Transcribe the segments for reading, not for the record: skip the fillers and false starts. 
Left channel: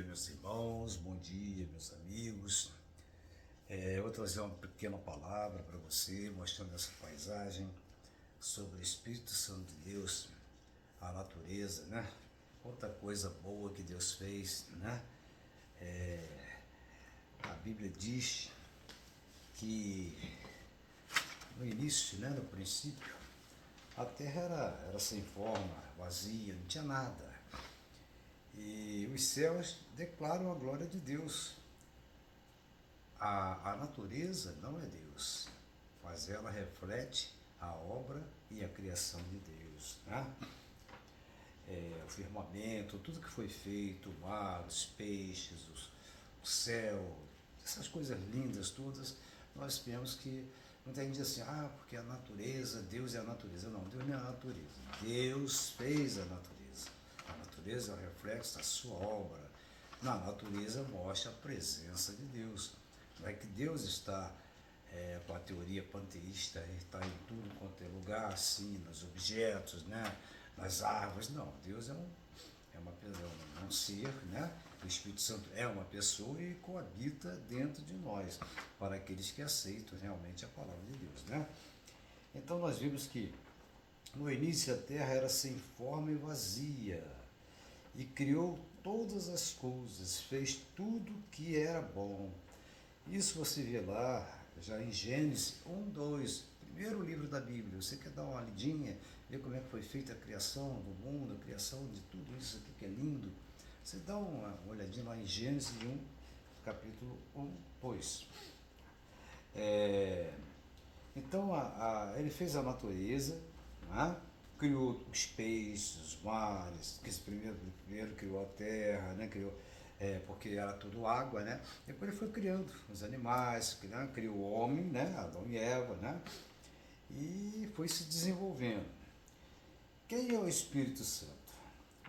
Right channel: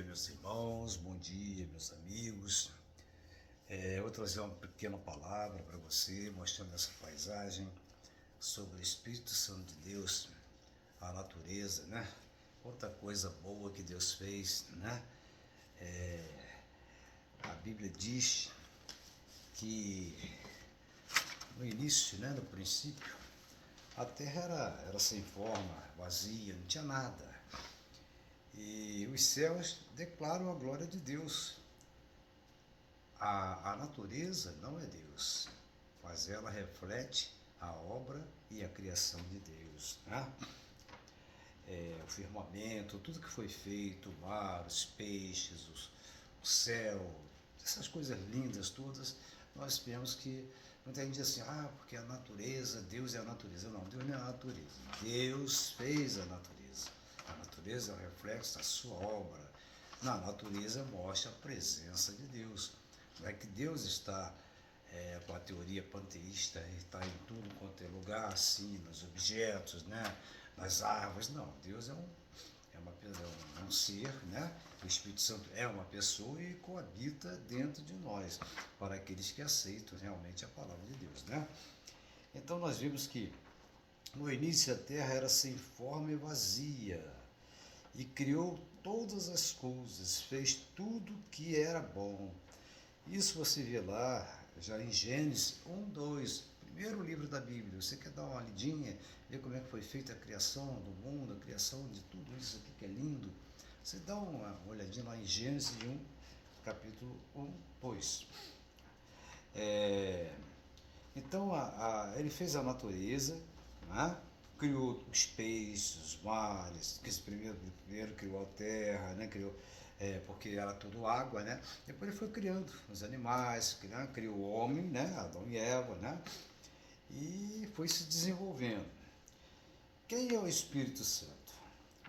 dia, meus irmãos, bom dia, meus amigos. Eu vou trazer uma pequena palavra para você, mostrando essa paisagem sobre o Espírito Santo de Deus, a natureza, né? Quanta coisa boa que Deus fez, né? A Bíblia diz que no início, né, no princípio, a terra era sem forma, vazia, não tinha nada. E os céus declaram a glória de Deus. A natureza não é Deus, mas ela reflete a obra e a criação de Deus, né? O firmamento, tudo que foi feito, o mar, os peixes, o céu, essas coisas lindas todas, nós vemos que muita gente diz assim, porque a natureza, Deus é a natureza. Não, Deus não é a natureza. Deus fez a natureza. A natureza é o reflexo da sua obra. Na natureza mostra a presença de Deus. Não é que Deus está com a teoria panteísta, está em tudo quanto é lugar, assim, nos objetos, né? Nas árvores. Não, Deus é um ser, né? O Espírito Santo é uma pessoa e coabita dentro de nós, para aqueles que aceitam realmente a palavra de Deus, né? Então nós vimos que no início a terra era sem forma e vazia, e criou todas as coisas, fez tudo que era bom. Isso você vê lá, já em Gênesis 1, 2, primeiro livro da Bíblia. Você quer dar uma lidinha, ver como é que foi feita a criação do mundo, a criação de tudo isso aqui que é lindo? Você dá uma olhadinha lá em Gênesis 1, capítulo 1, 2. Então, ele fez a natureza, né? Criou os peixes, os mares, porque primeiro criou a terra, né? Porque era tudo água, né? Depois ele foi criando os animais, né? Criou o homem, né? Adão e Eva, né? E foi se desenvolvendo. Quem é o Espírito Santo?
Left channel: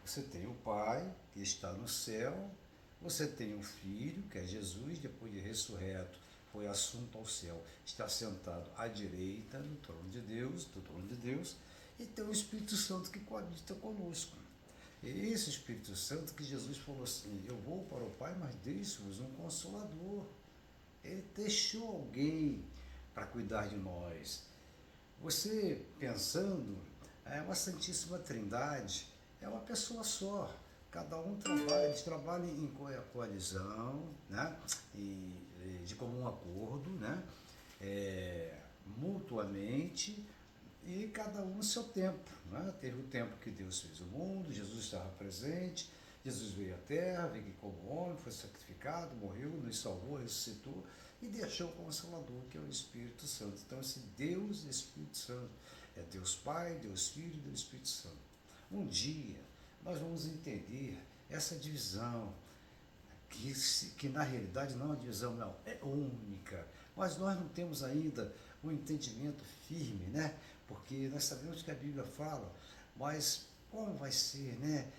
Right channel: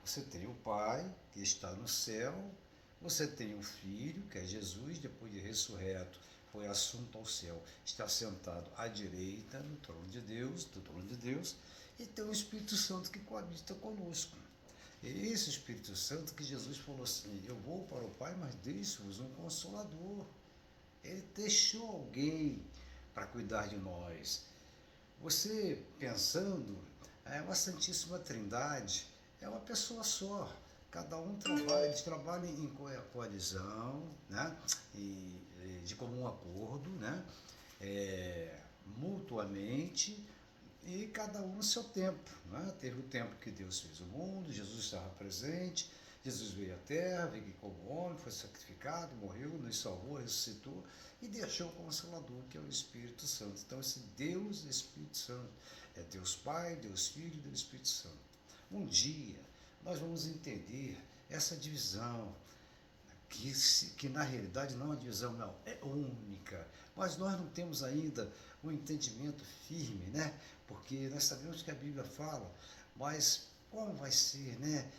Você tem o Pai, que está no céu, você tem o Filho, que é Jesus, depois de ressurreto, foi assunto ao céu, está sentado à direita do trono de Deus, e tem o Espírito Santo que coabita conosco. E esse Espírito Santo que Jesus falou assim, eu vou para o Pai, mas deixo-vos um Consolador. Ele deixou alguém para cuidar de nós. Você pensando, é uma Santíssima Trindade, é uma pessoa só. Cada um trabalha, eles trabalham em coalizão, né? De comum acordo, né? Mutuamente, e cada um no seu tempo, né? Teve o tempo que Deus fez o mundo, Jesus estava presente, Jesus veio à terra, veio como homem, foi sacrificado, morreu, nos salvou, ressuscitou e deixou o Consolador, que é o Espírito Santo. Então esse Deus Espírito Santo é Deus Pai, Deus Filho e Deus Espírito Santo. Um dia nós vamos entender essa divisão, que na realidade não é uma divisão, não, é única, mas nós não temos ainda um entendimento firme, né? Porque nós sabemos que a Bíblia fala, mas como vai ser, né?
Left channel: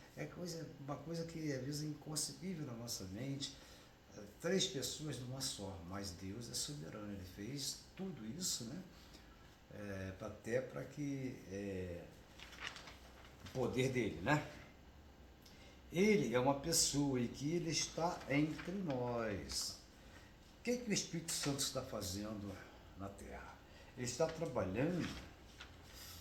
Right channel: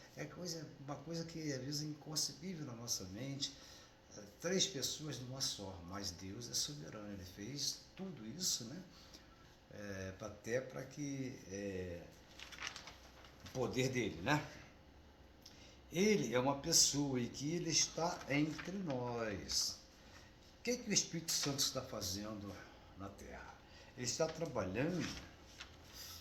Uma coisa que às vezes é inconcebível na nossa mente, três pessoas numa só, mas Deus é soberano, Ele fez tudo isso, né? Até para que o poder dele, né? Ele é uma pessoa e que Ele está entre nós. O que o Espírito Santo está fazendo na Terra? Ele está trabalhando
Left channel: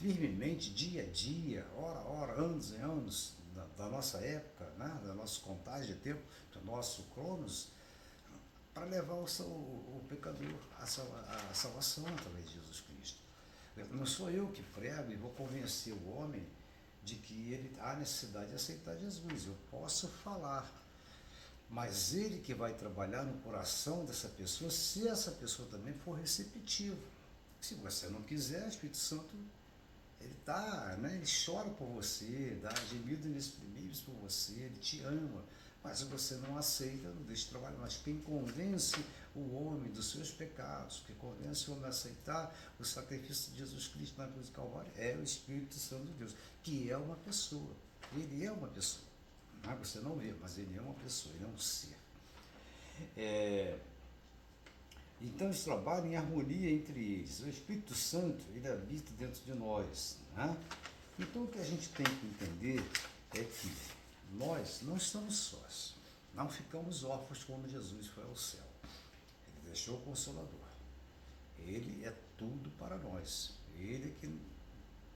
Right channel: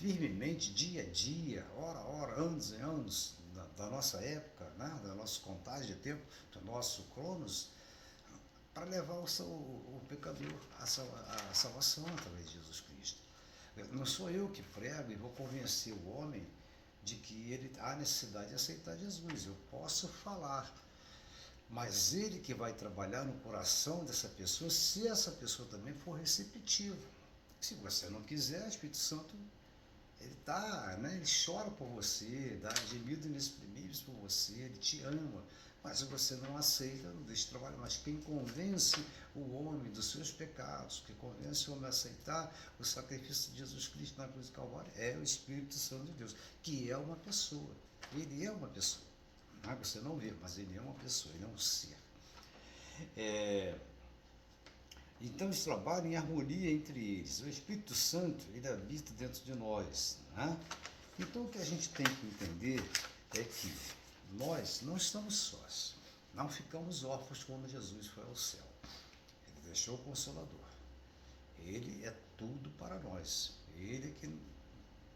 firmemente, dia a dia, hora a hora, anos e anos, da nossa época, né? Da nossa contagem de tempo, do nosso cronos, para levar o pecador à salvação através de Jesus Cristo. Não sou eu que prego e vou convencer o homem de que ele há necessidade de aceitar Jesus. Eu posso falar, mas ele que vai trabalhar no coração dessa pessoa, se essa pessoa também for receptiva. Se você não quiser, o Espírito Santo, ele né? Ele chora por você, dá gemidos inexprimíveis por você, ele te ama. Mas se você não aceita, não deixa de trabalhar. Mas quem convence o homem dos seus pecados, que convence o homem a aceitar o sacrifício de Jesus Cristo na cruz do Calvário, é o Espírito Santo de Deus, que é uma pessoa. Ele é uma pessoa. Você não vê, mas ele é uma pessoa, ele é um ser. Então eles trabalham em harmonia entre eles. O Espírito Santo, ele habita dentro de nós, né? Então o que a gente tem que entender é que nós não estamos sós. Não ficamos órfãos quando Jesus foi ao céu. Ele deixou o Consolador. Ele é tudo para nós. Ele é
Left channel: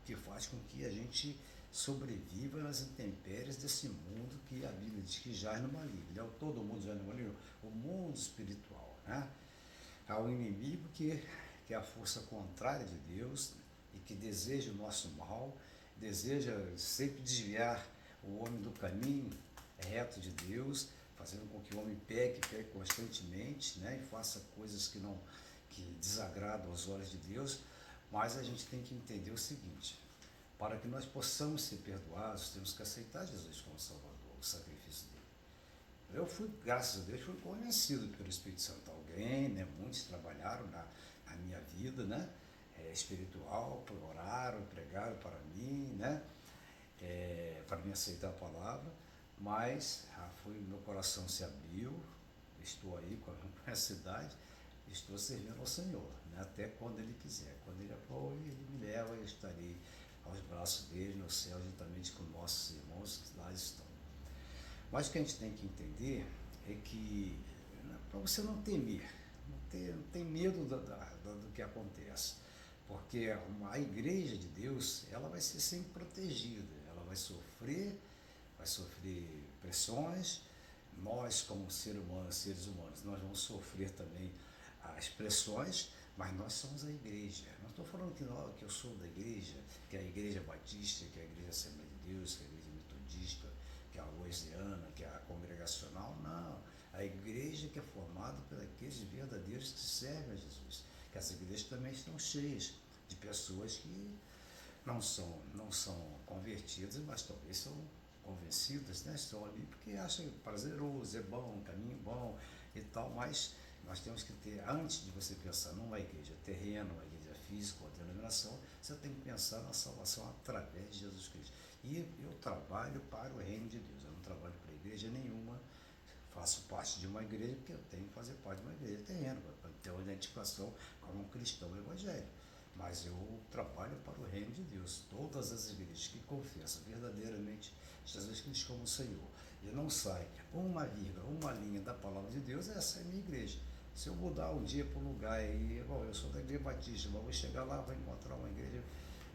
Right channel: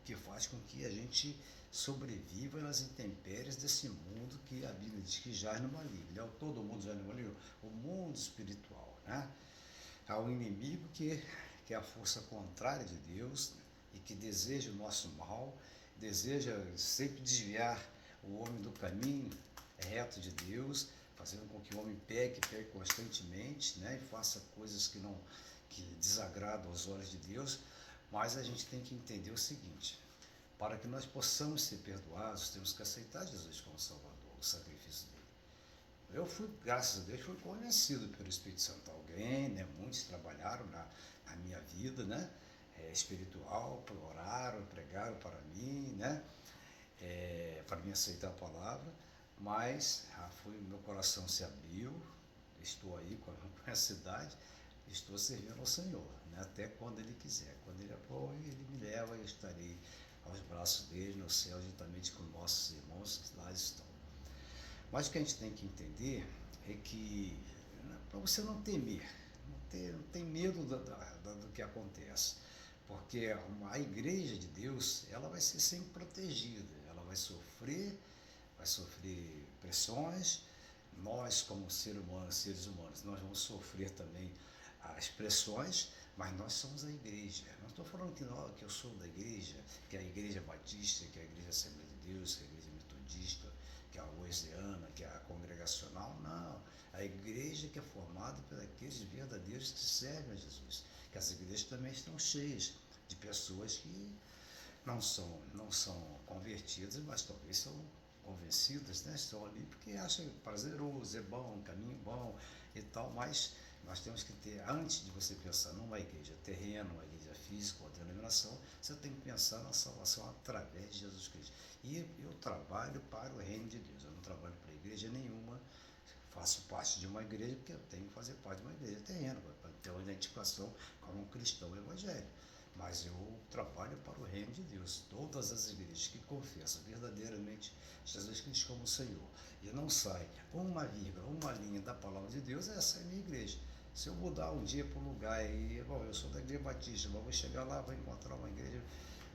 que faz com que a gente sobreviva nas intempéries desse mundo que a Bíblia diz que jaz no maligno. Todo mundo jaz no maligno? O mundo espiritual, né? Há um inimigo que é a força contrária de Deus e que deseja o nosso mal, deseja sempre desviar o homem do caminho reto de Deus, fazendo com que o homem peque constantemente, né, e faça coisas que desagradam aos olhos de Deus. Mas a gente tem que entender o seguinte: para que nós possamos ser perdoados, temos que aceitar Jesus como Salvador, o sacrifício dele. Eu fui, graças a Deus, fui convencido pelo Espírito Santo. Alguém, né, muitos trabalharam na minha vida, né, espiritual, oraram, pregaram para mim, né, para me aceitar a palavra, mas meu coração se abriu, estou aí com essa idade, estou servindo ao Senhor, né, até quando Ele quiser. Quando Ele Ele me leva, eu estarei aos braços dele no céu, juntamente com nossos irmãos que lá estão. Mas o que a gente tem que entender é que, né, para você não temer, não tem medo do que acontece, porque a igreja de Deus, ela vai ser sempre protegida, ela vai sofrer pressões. Nós, como seres humanos, nós vamos sofrer também as pressões, mas nós somos a igreja. Não estou falando que eu sou da igreja, que é a igreja batista, que é a igreja Assembleia de Deus, que é a igreja metodista, que é a wesleyana, que é a congregacional. Não, a igreja que é formada por aqueles verdadeiros que servem a Jesus. Que as igrejas também estão cheias de pessoas que não são convertidas, mas talvez são convencidas, né? Estão ali porque acham prazeroso, é bom, um caminho bom e tal, mas nós temos que ter, antes de você pensar numa igreja terrena, uma igreja física, uma denominação, você tem que pensar na salvação através de Jesus Cristo. E eu trabalho para o reino de Deus, eu não trabalho para igreja nenhuma, faço parte de uma igreja porque eu tenho que fazer parte de uma igreja terrena, para ter uma identificação como um cristão evangélico. Mas eu trabalho para o reino de Deus. Todas as igrejas que confessam verdadeiramente Jesus Cristo como Senhor e não sai uma vírgula, uma linha da palavra de Deus, essa é a minha igreja. Se eu mudar um dia para um lugar e, eu sou da igreja batista, mas vou chegar lá, vou encontrar uma igreja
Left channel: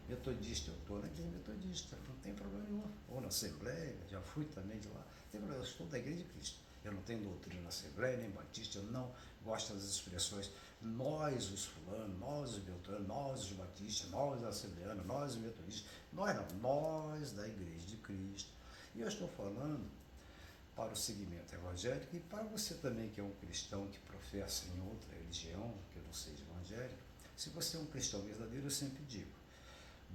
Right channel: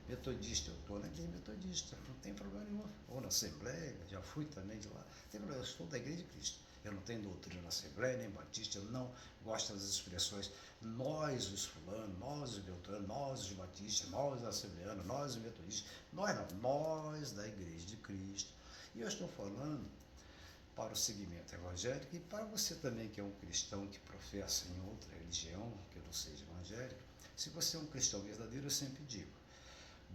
metodista, eu estou na igreja metodista, não tem problema nenhum. Ou na Assembleia, já fui também de lá, não tem problema, eu estou da igreja de Cristo. Eu não tenho doutrina na Assembleia, nem batista, eu não gosto das expressões nós os fulanos, nós os beltranos, nós os batistas, nós os assembleanos, nós os metodistas. Nós não, nós da igreja de Cristo. E eu estou falando para o segmento evangélico e para você também que é um cristão que professa em outra religião, que não seja evangélico. Se você é um cristão verdadeiro, eu sempre digo,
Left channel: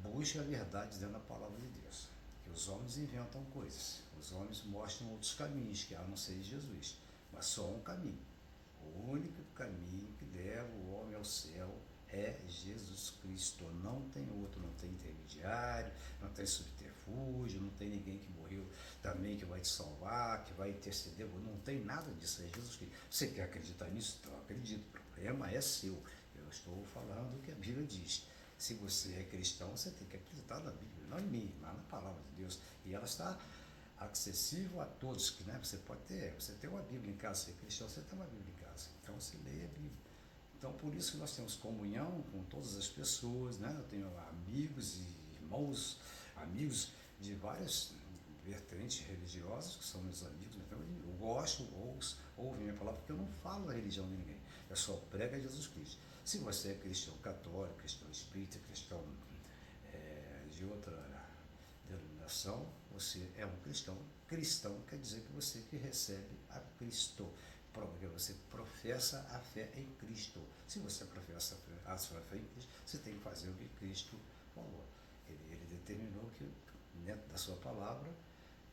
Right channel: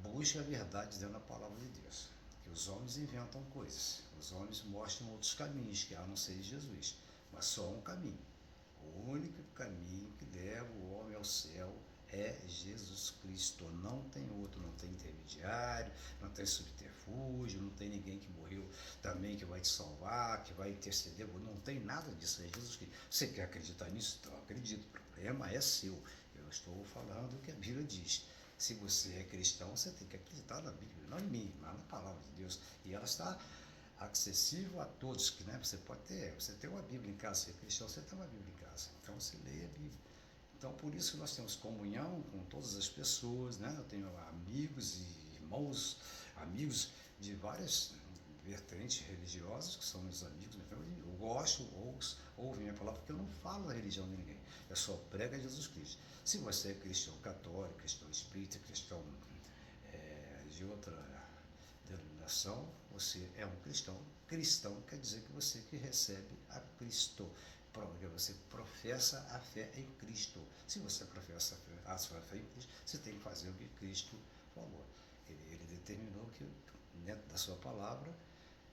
busque a verdade dentro da palavra de Deus. Que os homens inventam coisas, os homens mostram outros caminhos, que a não ser Jesus, mas só um caminho. O único caminho que leva o homem ao céu é Jesus Cristo. Não tem outro, não tem intermediário, não tem subterfúgio, não tem ninguém que morreu também que vai te salvar, que vai interceder. Não tem nada disso, é Jesus Cristo. Você quer acreditar nisso? Então acredito. O problema é seu. Eu estou falando o que a Bíblia diz. Se você é cristão, você tem que acreditar na Bíblia, não em mim, mas na palavra de Deus. E ela está acessível a todos, que, né, você tem uma Bíblia em casa, você é cristão, você tem uma Bíblia em casa, então você lê a Bíblia. Então por isso que nós temos comunhão com todas as pessoas, né? Eu tenho amigos e irmãos, amigos de várias vertentes religiosas, que são meus amigos, eu gosto, ouvo minha palavra, porque eu não falo a religião de ninguém, eu só prego a Jesus Cristo. Se você é cristão católico, cristão espírita, cristão de outra denominação, você é um cristão. Cristão quer dizer que você que recebe a Cristo, porque você professa a fé em Cristo. Se você professa a sua fé em Cristo, você tem que fazer o que Cristo falou. Ele determinou que, dentro da sua palavra,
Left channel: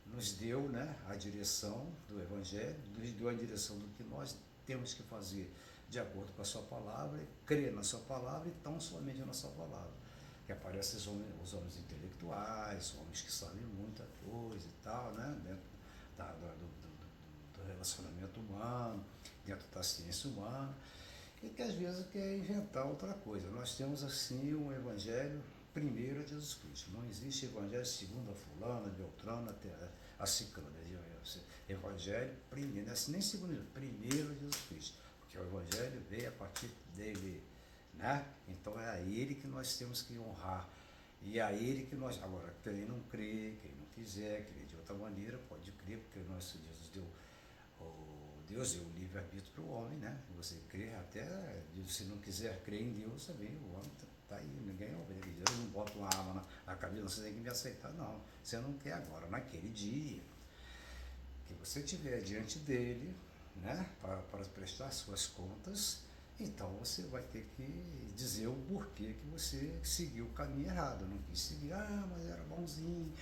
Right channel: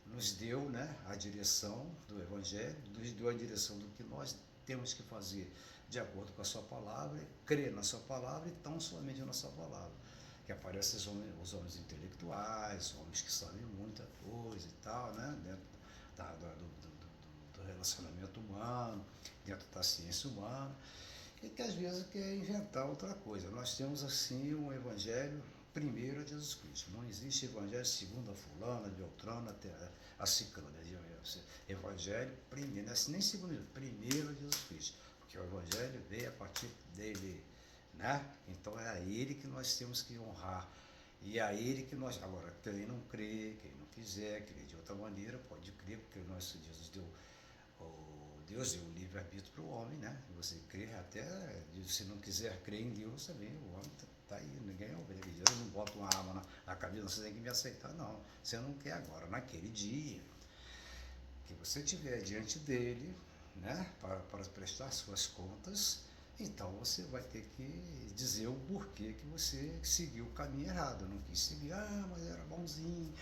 nos deu, né, a direção do Evangelho, nos deu a direção do que nós temos que fazer de acordo com a sua palavra, crer na sua palavra e tão somente na sua palavra. Que aparecem os homens intelectuais, homens que sabem muita coisa e tal, né, dentro do relacionamento humano, dentro da ciência humana, e que às vezes quer inventar outra coisa. Nós temos assim um evangelho primeiro é Jesus Cristo. Não existe evangelho segundo a fulana, Beltrana, até a ciclana. Evangelho primeiro, nem segundo, primeiro é Jesus Cristo. Porque o evangelho veio a partir dele, né? Então é a ele que nós temos que honrar. E a ele que nós, agora, quem não crê, quem não quiser, crer de outra maneira, pode crer, porque o nosso Jesus deu, Deus deu o livre-arbítrio para o homem, né? Você crê até, se não quiser crer em Deus, também o homem está aí, ninguém é ovelha. Deus não bota uma arma na cabeça, você tem que me aceitar, não. Você não quer agora, naquele dia que você estiver diante dele, né? Para prestar suas contas, então você vai ter que dizer o porquê que você seguiu o caminho errado. Não quis seguir, mas era bonzinho,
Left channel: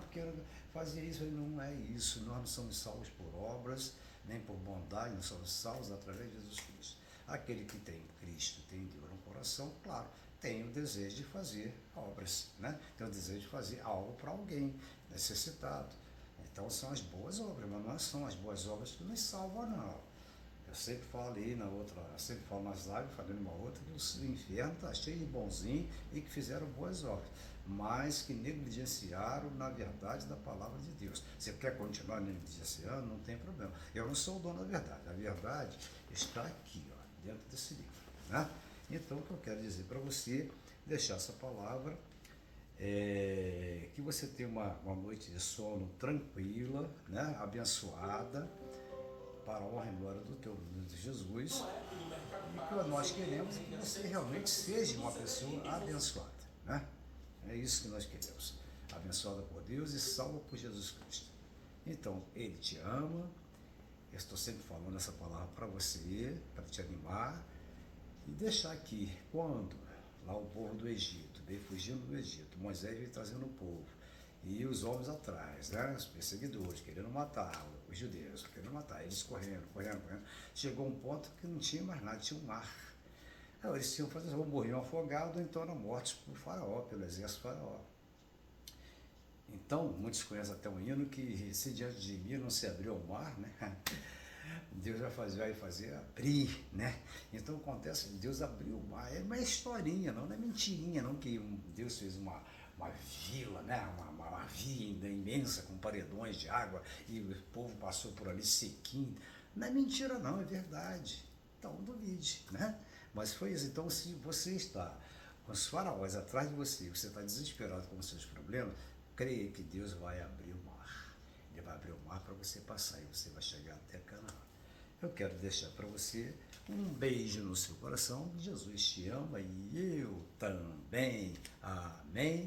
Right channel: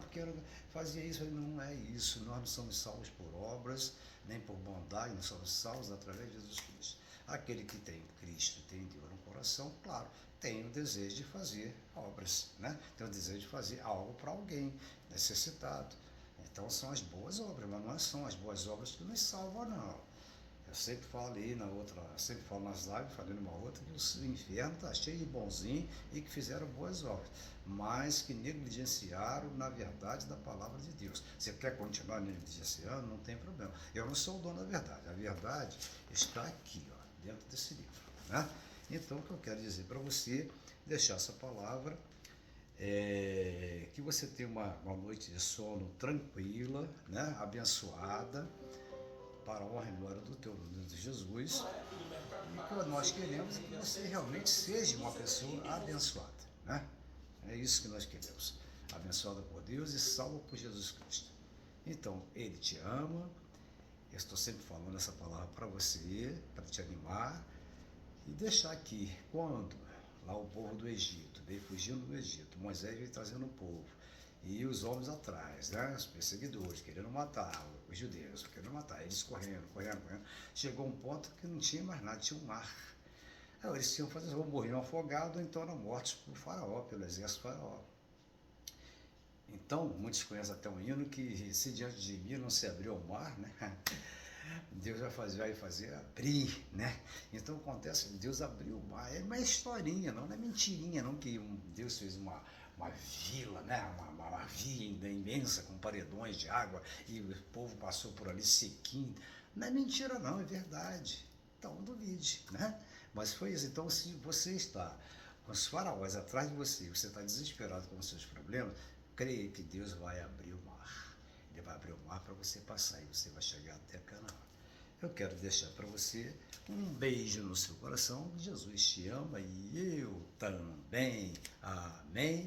porque fazia isso. Não é isso, nós não somos salvos por obras, nem por bondade, nós somos salvos através de Jesus Cristo. Aquele que tem Cristo, tem Deus no coração, claro, tem o desejo de fazer obras, né? Tem o desejo de fazer algo para alguém necessitado. Então são as boas obras, mas não são as boas obras que nos salvam, não. Eu sempre falo ali sempre falo nas lives, falei numa outra, que o inferno está cheio de bonzinhos e que fizeram boas obras, mas que negligenciaram na verdade da palavra de Deus. Você quer continuar negligenciando? Não tem problema. Eu não sou o dono da verdade. A verdade está aqui, ó, dentro desse livro, né? Então, o que eu quero dizer para você, deixar essa palavra, que você tenha uma noite de sono tranquila, né? Abençoada, para a honra e glória do teu nome de Jesus. E o que nós queremos é que você realmente seja uma pessoa abençoada, né? É isso que nós queremos. Abençoada por Deus e salva por Jesus Cristo. Então, Ele te ama. Eu estou sempre falando essa palavra para você, para te animar e deixar aqui, quando lá o povo do Egito veio fugindo do Egito, Moisés veio trazendo o povo, e os homens atrás, né, os perseguidores, querendo matar os judeus, querendo matar, eles correndo. Chegou um ponto que não tinha mais nada, tinha um mar. Aí eles tinham fazer, ou morriam afogados, ou então eram mortos por Faraó, pelo exército Faraó. Então, muitos conhecem até um hino que, se diante de mim não se abriu o mar, né? Deus vai fazer abrir, né? Então acontece que Deus abriu o mar. É uma historinha, não é mentirinha, não, que Deus fez uma vila, né? Uma vila imensa com paredões de água e o povo passou por ali sequinho. Não é mentira, não, é verdade. Então duvide, né? Mas foi isso. Então, se você está com os faraós atrás de você está desesperado com os seus problemas, creia que Deus vai abrir o mar. Ele vai abrir o mar para você passar e você vai chegar até Canaã. Eu quero deixar para você um beijo no seu coração. Jesus te ama e eu também. Amém.